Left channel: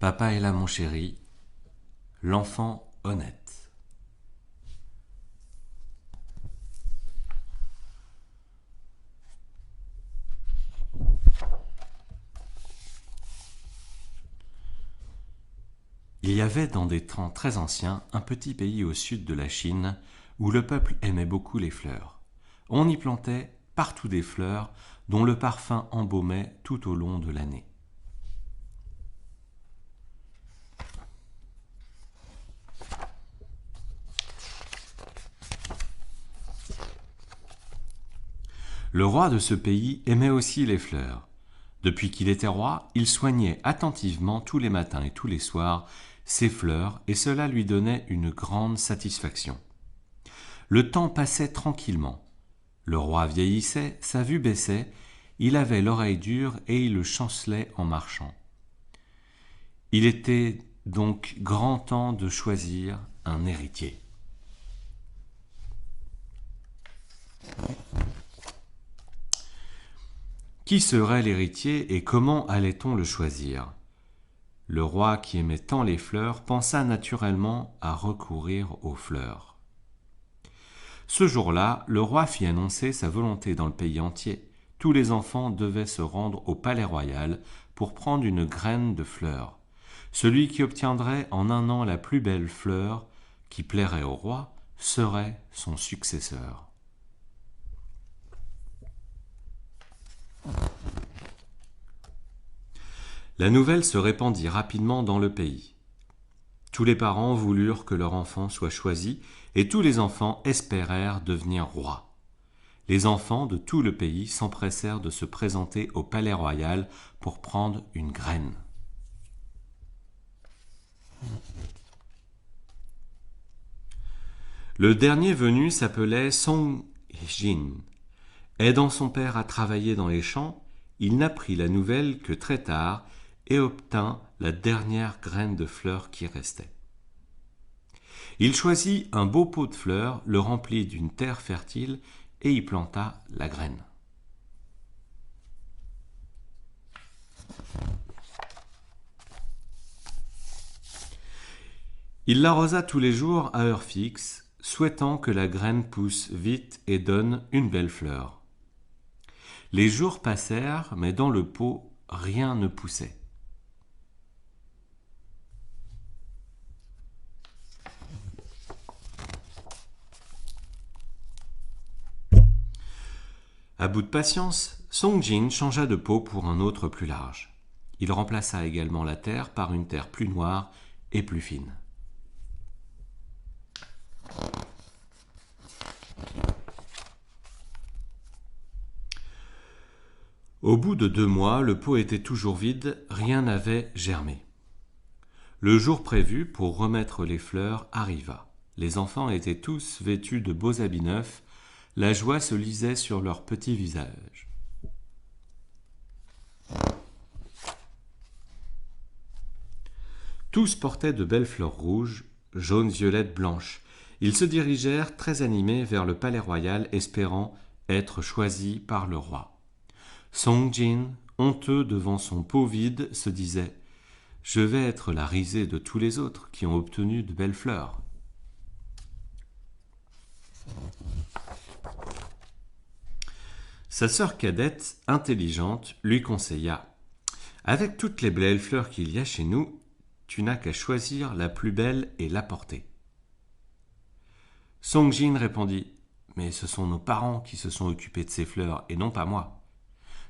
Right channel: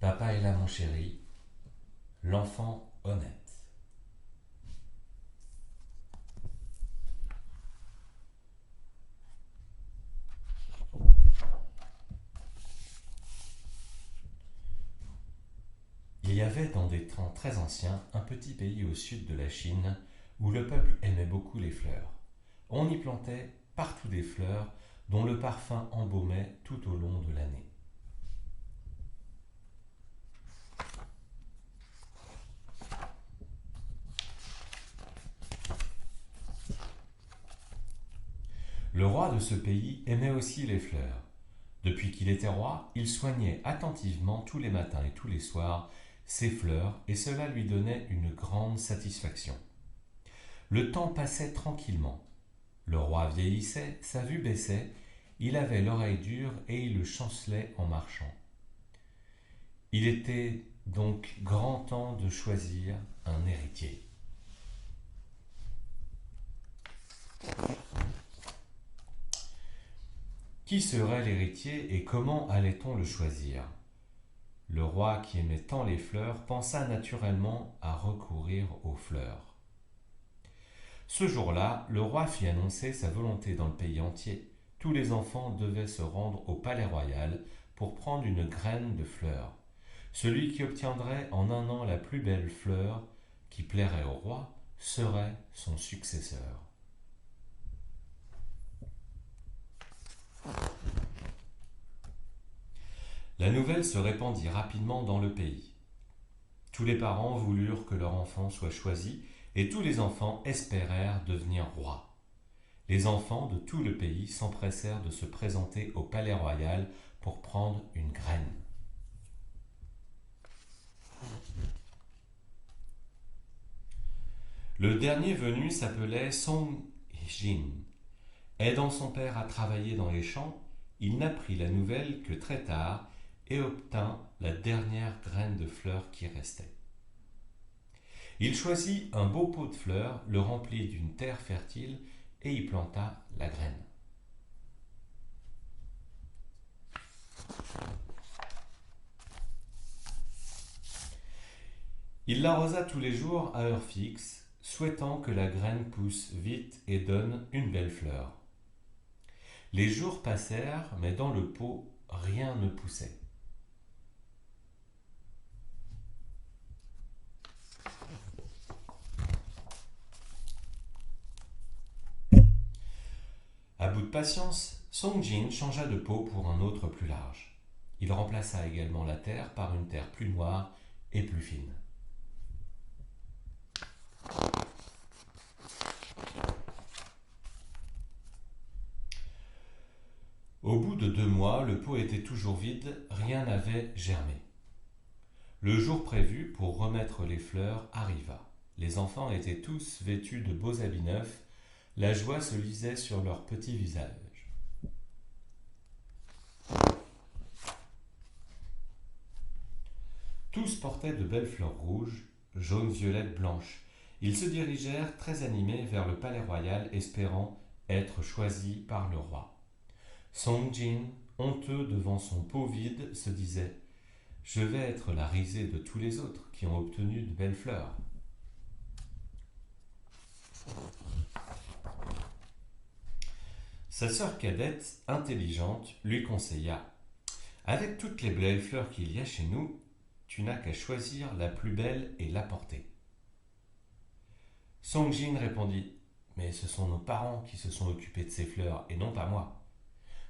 Papa est là, mon chéri, l'enfant honnête. Il y avait dans des temps très anciens un petit pays au sud de la Chine où le peuple aimait beaucoup les fleurs. On y plantait partout des fleurs dont le parfum embaumait tout au long de l'année. Le roi de ce pays aimait aussi les fleurs. Depuis qu'il était roi, il soignait attentivement tous les matins et tous les soirs ses fleurs et cela lui donnait une grande satisfaction. Le temps passait tranquillement. Le roi vieillissait, sa vue baissait, il avait l'oreille dure et il chancelait en marchant. Il était donc grand temps de choisir un héritier. Qui serait l'héritier et comment allait-on le choisir? Le roi qui aimait tant les fleurs pensa naturellement à recourir aux fleurs. Ce jour-là, le roi fit annoncer sa volonté dans le pays entier. Tous les enfants devaient se rendre au palais royal pour prendre une graine de fleur. Celui qui obtiendrait en un an la plus belle fleur qui plairait au roi serait son successeur. La nouvelle se répandit rapidement dans le pays. Tous les parents voulurent que leur enfant soit choisi et tous les enfants espérèrent devenir rois. Les enfants de tout le pays s'empressèrent de se présenter au palais royal pour prendre une graine. Le dernier venu s'appelait Song Jin. Aidant son père à travailler dans les champs, il n'apprit la nouvelle que très tard et obtint la dernière graine de fleur qui restait. Il choisit un beau pot de fleurs, le remplit d'une terre fertile et y planta la graine. Il l'arrosa tous les jours à heure fixe, souhaitant que la graine pousse vite et donne une belle fleur. Les jours passèrent, mais dans le pot, rien ne poussait. À bout de patience, Song Jin changea de pot pour un autre plus large. Il remplaça également la terre par une terre plus noire et plus fine. Au bout de 2 mois, le pot était toujours vide, rien n'avait germé. Le jour prévu pour remettre les fleurs arriva. Les enfants étaient tous vêtus de beaux habits neufs, la joie se lisait sur leurs petits visages. Tous portaient de belles fleurs rouges, jaunes, violettes, blanches. Ils se dirigèrent très animés vers le palais royal, espérant être choisis par le roi. Song Jin, honteux devant son pot vide, se disait « Je vais être la risée de tous les autres qui ont obtenu de belles fleurs. » Sa sœur cadette, intelligente, lui conseilla « Avec toutes les belles fleurs qu'il y a chez nous, tu n'as qu'à choisir la plus belle et l'apporter. » Song Jin répondit « Mais ce sont nos parents qui se sont occupés de ces fleurs et non pas moi.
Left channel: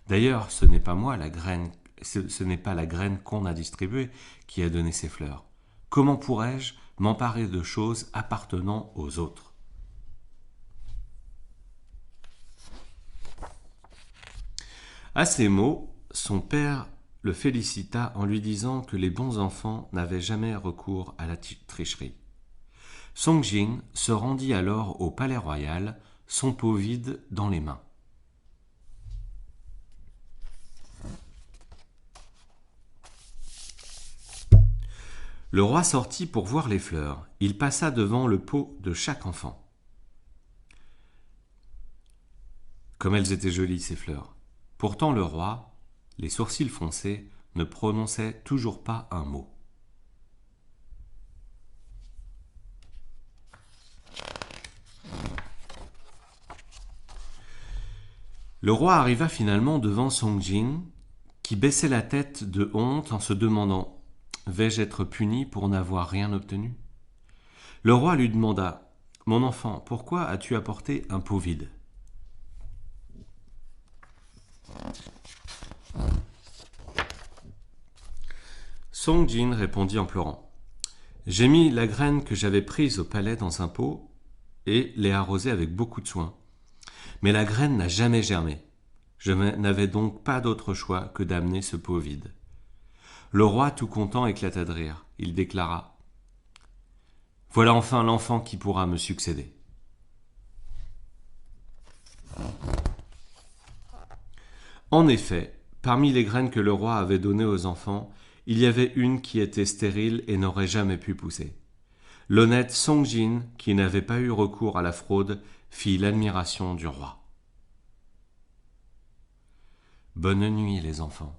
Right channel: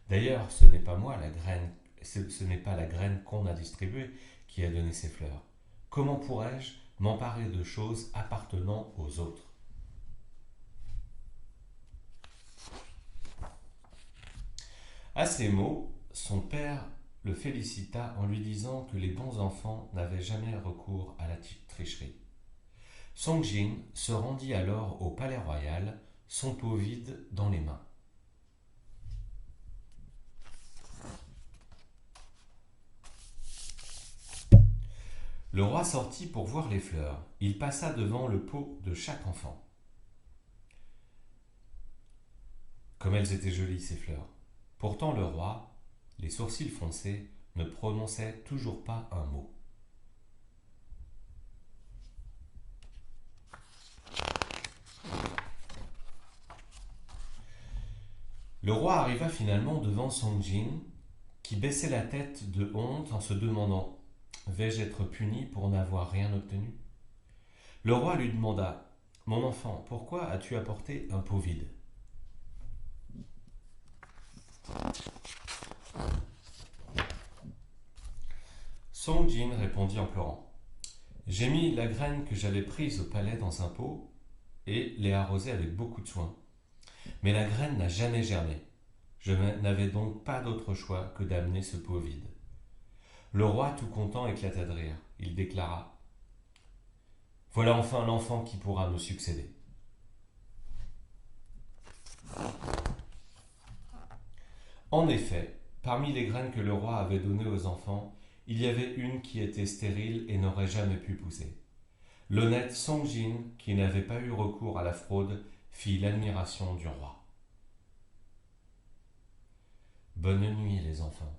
D'ailleurs, ce n'est pas moi la graine, ce n'est pas la graine qu'on a distribuée qui a donné ces fleurs. Comment pourrais-je m'emparer de choses appartenant aux autres ?» À ces mots, son père le félicita en lui disant que les bons enfants n'avaient jamais recours à la tricherie. Song Jin se rendit alors au palais royal, son pot vide dans les mains. Le roi sortit pour voir les fleurs. Il passa devant le pot de chaque enfant. Comme elles étaient jolies, ces fleurs. Pourtant le roi, les sourcils froncés, ne prononçait toujours pas un mot. Le roi arriva finalement devant Songjin, qui baissait la tête de honte en se demandant « Vais-je être puni pour n'avoir rien obtenu ?» Le roi lui demanda « Mon enfant, pourquoi as-tu apporté un pot vide ?» Songjin répondit en pleurant « J'ai mis la graine que j'avais prise au palais dans un pot et l'ai arrosée avec beaucoup de soin. Mais la graine n'a jamais germé. Je n'avais donc pas d'autre choix que d'amener ce pot vide. » Le roi, tout content, éclata de rire. Il déclara « Voilà enfin l'enfant qui pourra me succéder. » En effet, parmi les graines que le roi avait données aux enfants, il y avait une qui était stérile et n'aurait jamais pu pousser. L'honnête Songjin, qui n'avait pas eu recours à la fraude, fit l'admiration du roi. Bonne nuit les enfants.